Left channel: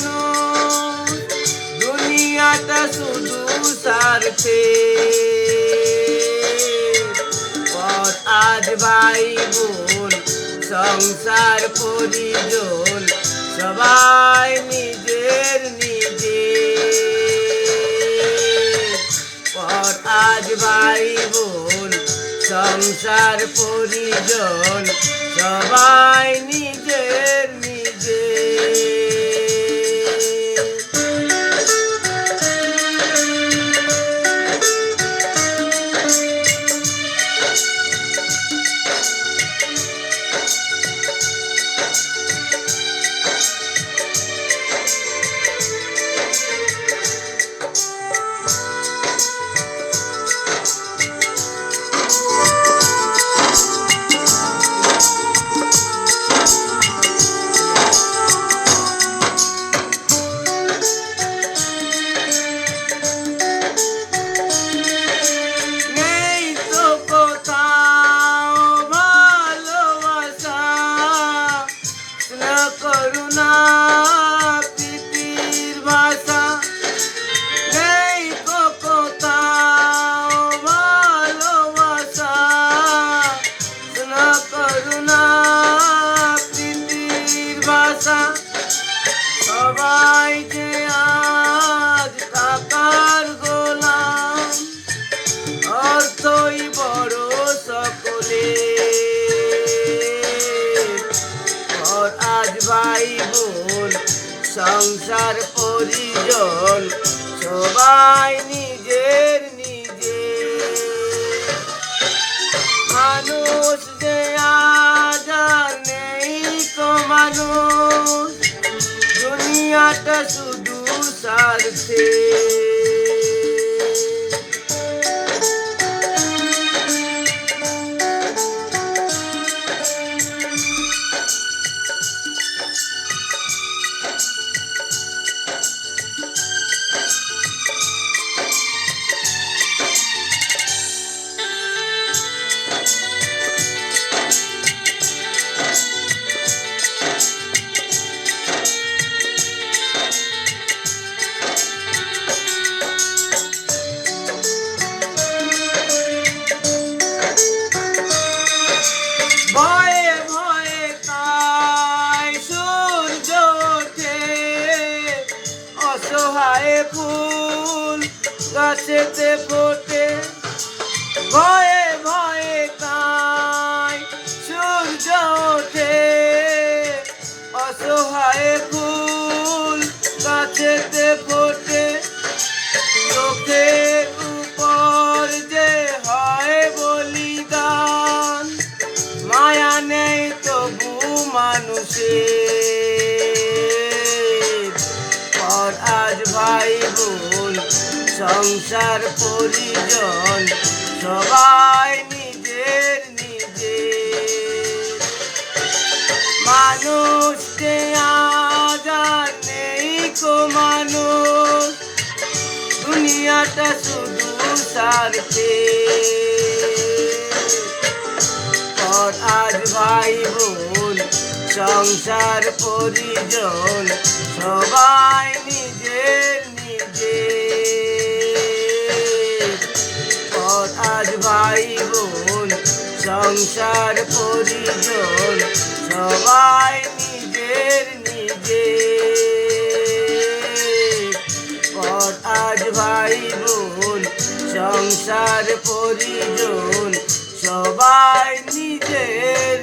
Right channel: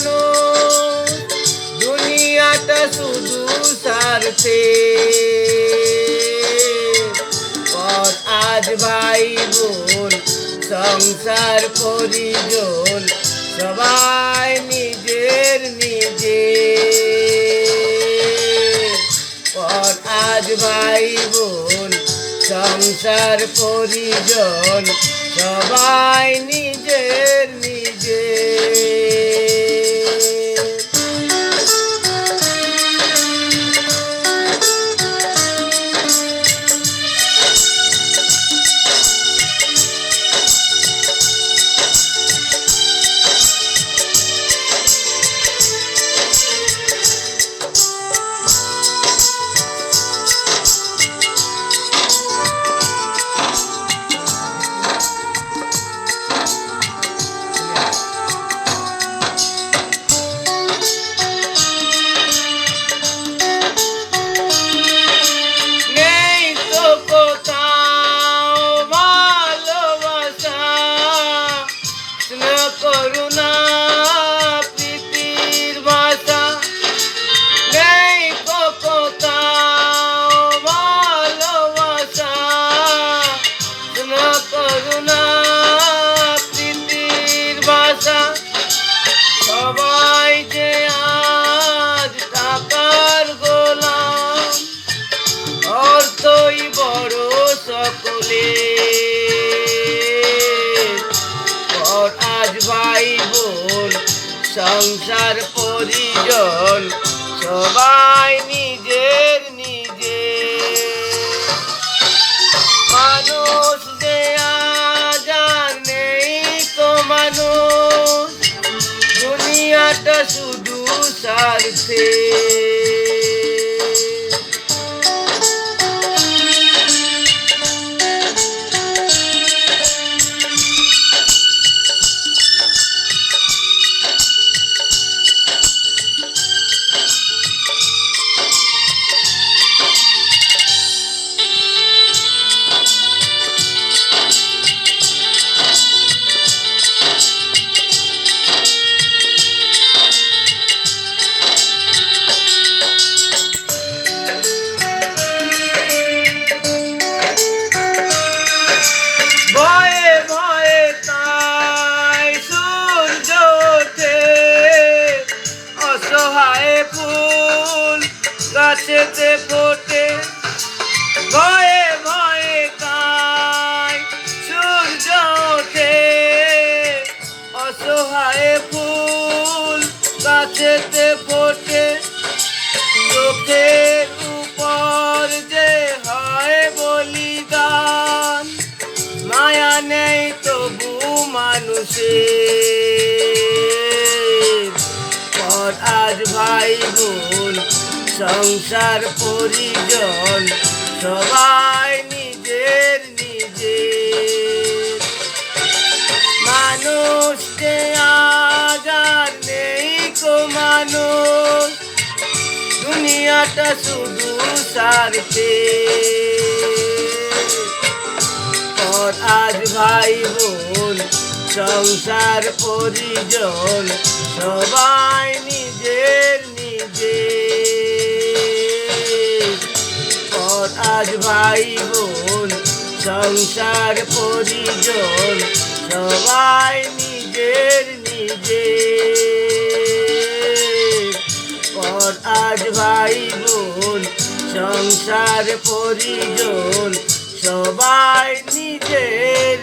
মানুষ দুনিয়াটা শুধু স্বার্থে পর আজ ভাই বোন সংসার পরিজন সবাই নিজের পর আজ ভাই বোন সংসার পরিজন সবাই নিজের করুণা প্রীতির ভাষা নেই কোথাও ভালোবাসা করুণা প্রীতির ভাষা সবাই যে আজ টাকার গোলাম অর্থই বড় সকলে আজ ভাই বোন সংসার পরিজন সবাই নিজের মানুষ যে আজ আর নেই তো মানুষ দুনিয়াটা শুধু স্বার্থে অসহায় ফুল গাছেতে ফোটে ভয়ে ভয়ে কায় সূর্য ওঠে অসহায় ফুল গাছেতে ফোটে চোখের উপর যে হয় বলিদান মায়া নেই তবু মানুষের আজ ভাই বোন সংসার পরিজন সবাই নিজের মানুষকে আজ আর নেই কো মানুষ দুনিয়াটা শুধু স্বার্থে পর আজ ভাই বোন সংসার পরিজন সবাই নিজের পর আজ ভাই বোন সংসার পরিজন সবাই নিজের পর আজ ভাই বোন সংসার পরিজন সবাই নিজের